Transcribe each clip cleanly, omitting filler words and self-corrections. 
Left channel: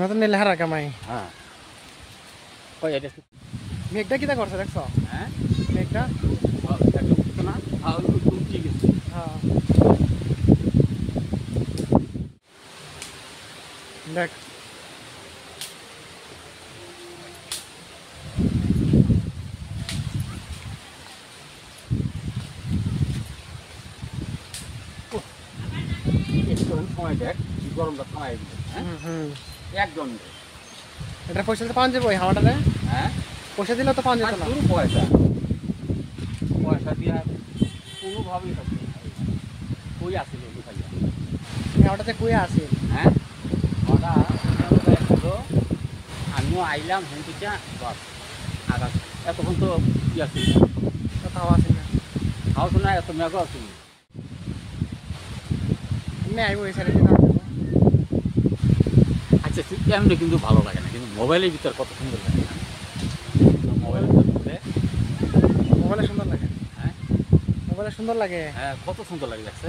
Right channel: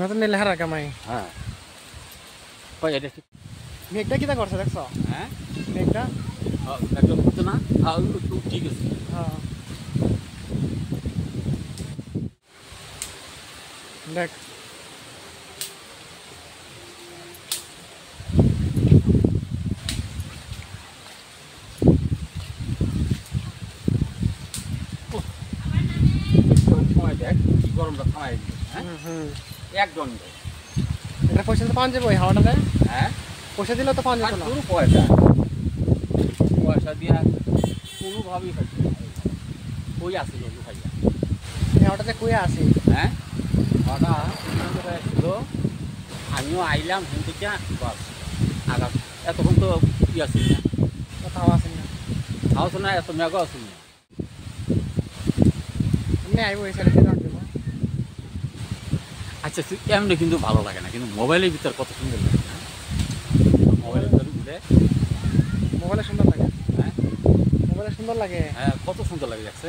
নতুন নিলে হারা কামাই। হ্যাঁ কই এটা মেঘটা কিটা করছে দেখছো? হ্যাঁ মেঘটা একটা করতে না ঠিক আছে। হ্যাঁ দেখ সময় দেখ গরমটা থামাই গেল। হ্যাঁ একদম এটা পয়সা তো পাওয়া যাবে ওই হাওয়াটাতে। হ্যাঁ পয়সা দিলে তো পাওয়া যেত না। শুরু পয়সা পয়সা দিয়া কোনোভাবেই হচ্ছে না। কই আসি বন্ধু ভাইয়া এই হাওয়াটাতে কুয়া আসি। হ্যাঁ ওটা হলো আমিও আইলাম হেন থেকে বাস আঘাত এতক্ষণ তো ই আছে তো হাওয়া আসি না। হাওয়া না এত মেঘও আছে না। এমনি আইবো এই সাইডে দিন আসবো। আচ্ছা এমনি কিন্তু ভালো লাগে না, কিন্তু মোবাইলের ভিতর কত সুন্দর লাগে না? মোবাইলের ভিতরে মোবাইলে সুন্দর লাগে। হ্যাঁ মোবাইলে সুন্দর লাগে। হ্যাঁ কত সুন্দর লাগে যাচ্ছে।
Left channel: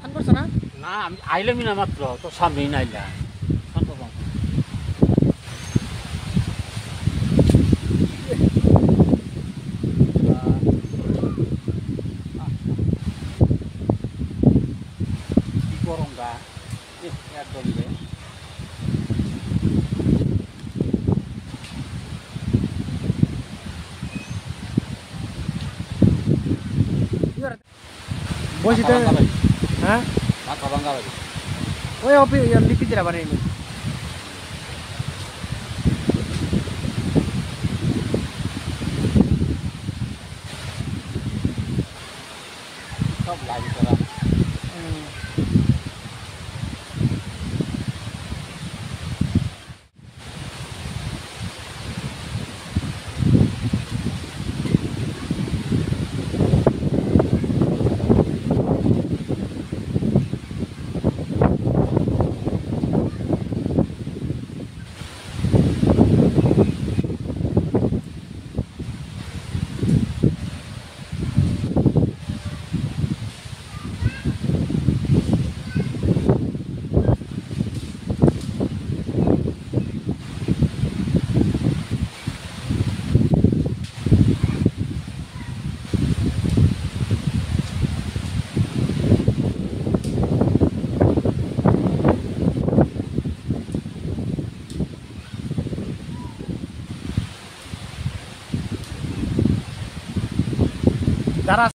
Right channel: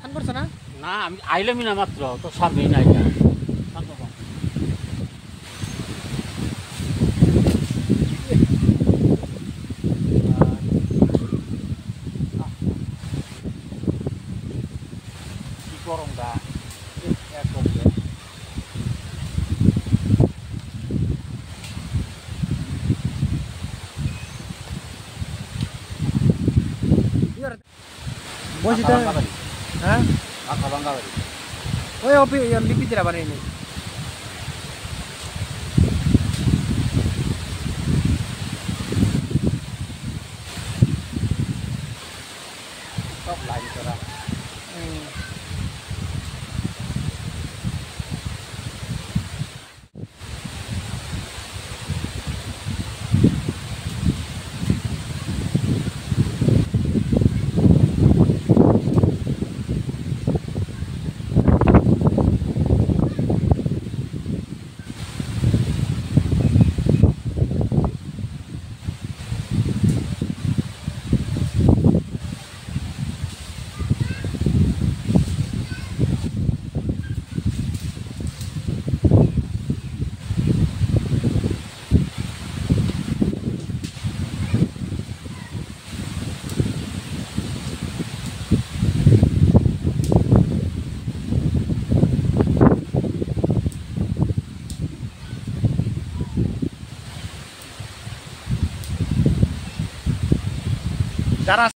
ফান করছো না? না আমি আইলামই না মাত্র তো সারবেই না এটা কি গরম গা একদম বলছি তো হ্যাঁ মাথা ভাঙা লাগে। ওই লিপি দিরা বানিয়ে নি। সব লাগে তারা যারা